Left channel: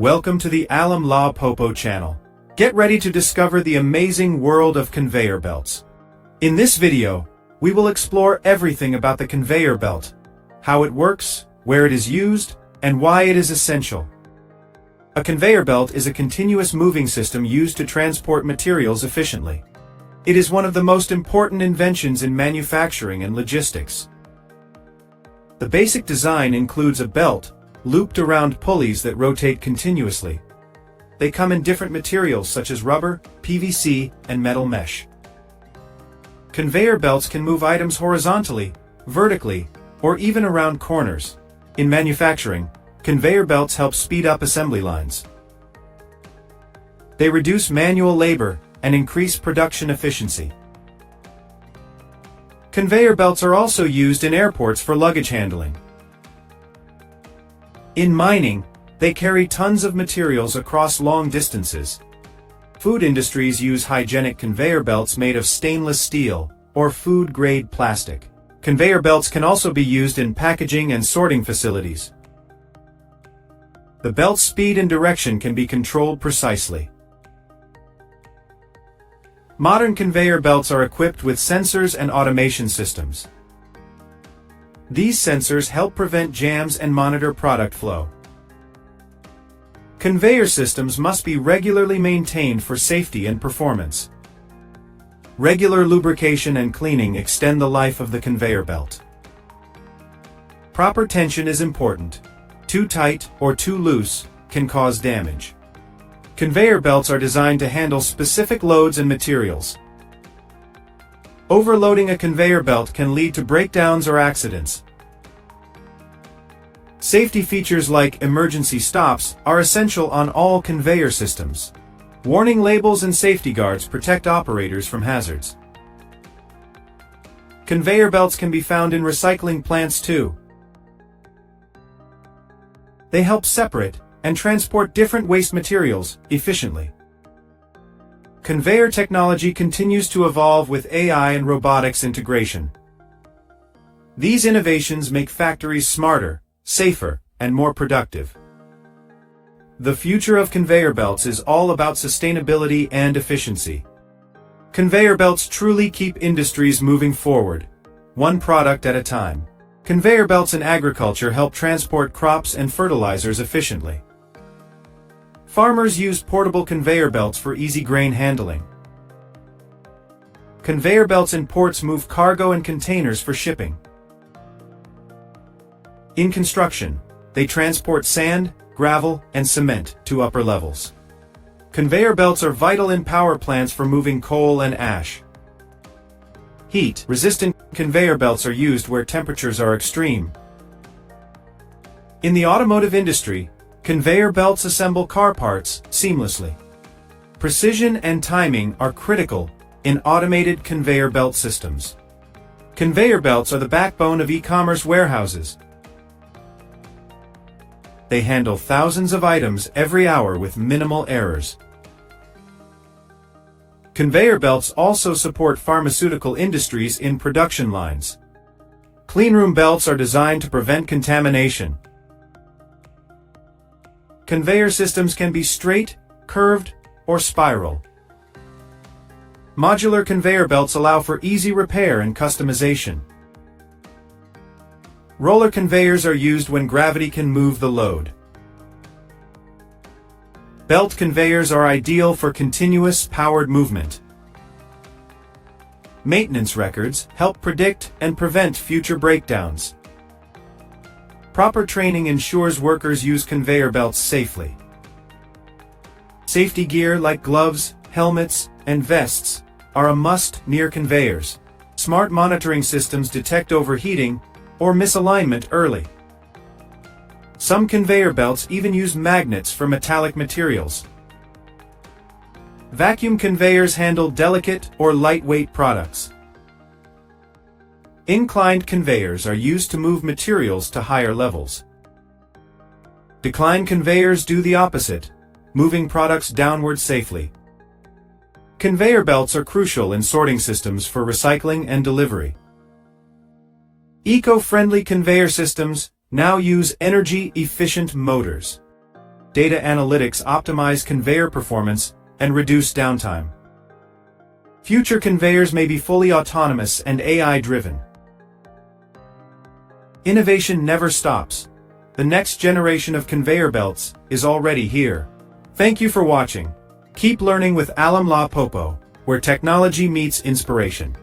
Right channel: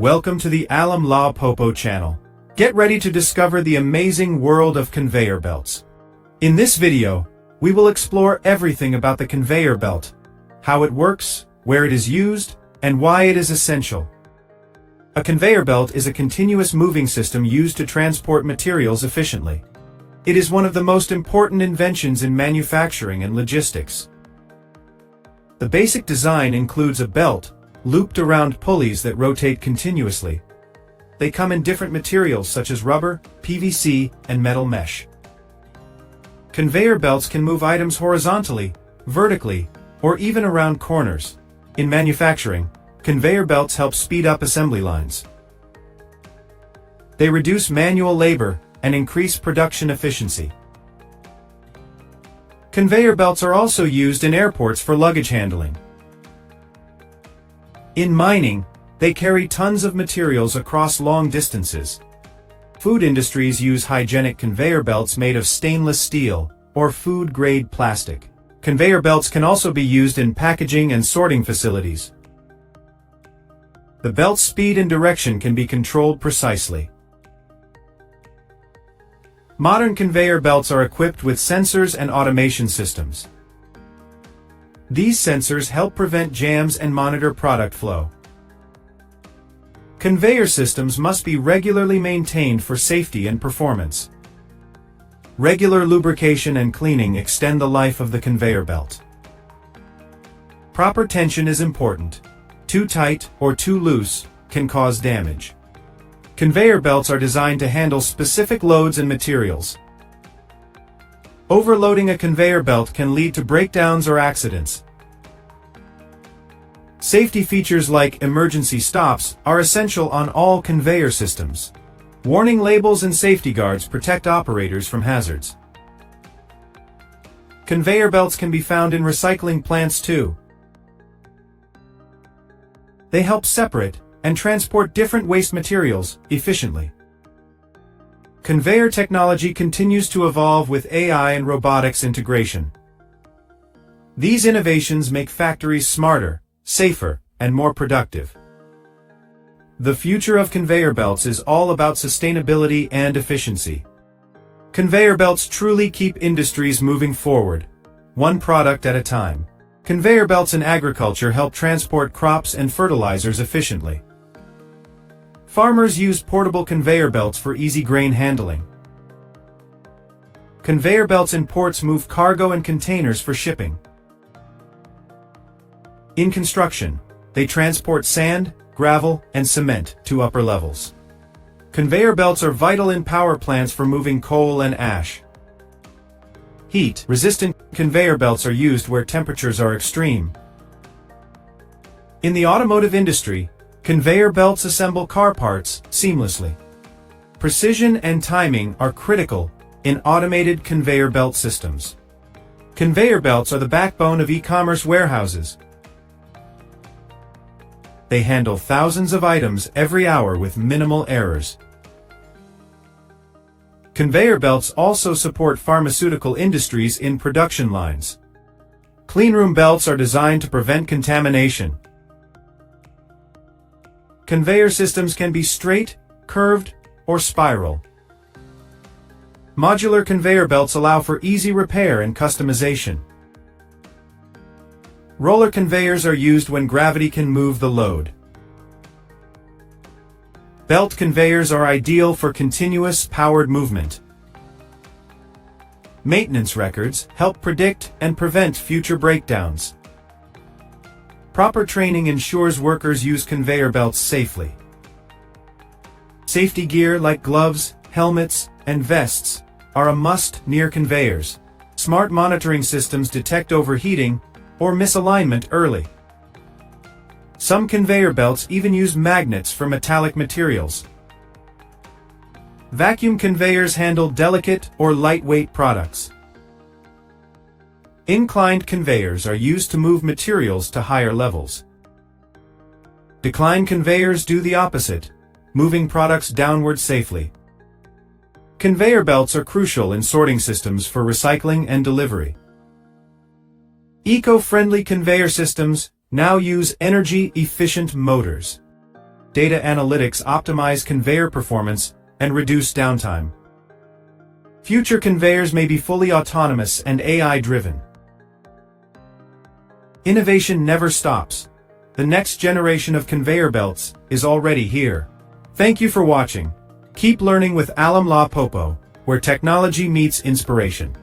Welcome to the Lawe Popo channel. Get ready to discover the amazing world of conveyor belts. In this video, we will explore everything about the conveyor belt, how it works, where it is used, and why it is essential. A conveyor belt is a continuous moving system used to transport materials efficiently. It is one of the most important inventions in manufacturing and logistics. The basic design includes a belt looped around pulleys that rotate continuously. They come in different materials such as rubber, PVC, and metal mesh. Conveyor belts can move items horizontally, vertically, or even around corners. In manufacturing, conveyor belts help speed up assembly lines. They reduce manual labor and increase production efficiency. Conveyor belts are also used in airports for luggage handling. In mining, they carry tons of materials across long distances. Food industries use hygienic conveyor belts made of stainless steel or food-grade plastic. Conveyor belts can also be used in packaging and sorting facilities. The belt's speed and direction can be controlled precisely. Modern conveyor belts are equipped with sensors and automation systems. These sensors help prevent jams and monitor product flow. Conveyor systems must be regularly maintained for safety and performance. Regular lubrication and cleaning extend the life of the conveyor belt. Proper tension is important. Too tight or too loose can cause damage. Conveyor belts are designed to handle specific loads and materials. Overloading a conveyor belt can lead to breakdowns or accidents. Safety features like emergency stops are essential on all conveyor systems. Warning labels and safety guards protect operators from hazards. Conveyor belts can be found in recycling plants too. They help separate and transport different waste materials efficiently. Conveyor technology continues to evolve with AI and robotics integration. These innovations make factories smarter, safer, and more productive. The future of conveyor belts is all about sustainability and efficiency. Conveyor belts truly keep industries moving forward, one product at a time. Conveyor belts in agriculture help transport crops and fertilizers efficiently. Farmers use portable conveyor belts for easy grain handling. Conveyor belts in ports move cargo and containers for shipping. In construction, they transport sand, gravel, and cement to upper levels. Conveyor belts are vital in power plants for moving coal and ash. Heat-resistant conveyor belts are used where temperatures are extreme. In the automotive industry, conveyor belts assemble car parts seamlessly. Precision and timing are critical in automated conveyor belt systems. Conveyor belts are the backbone of e-commerce warehouses. They handle thousands of items every hour with minimal errors. Conveyor belts also support pharmaceutical industries in production lines. Cleanroom belts are designed to prevent contamination. Conveyor systems can be straight, curved, or spiral. Modular conveyor belts allow for easy repair and customization. Roller conveyors are used when gravity can move the load. Belt conveyors are ideal for continuous powered movement. Maintenance records help predict and prevent future breakdowns. Proper training ensures workers use conveyor belts safely. Safety gear like gloves, helmets, and vests are a must near conveyors. Smart monitoring systems detect overheating or misalignment early. Some conveyor belts even use magnets for metallic materials. Vacuum conveyors handle delicate or lightweight products. Inclined conveyors are used to move materials to higher levels. Declined conveyors do the opposite, moving products downward safely. Conveyor belts are crucial in sorting systems for recycling and delivery. Eco-friendly conveyor systems now use energy-efficient motors. data analytics optimize conveyor performance and reduce downtime. Future conveyors may be fully autonomous and AI-driven. Innovation never stops. The next generation of conveyor belts is already here. Thank you for watching. Keep learning with Lawe Popo, where technology meets inspiration.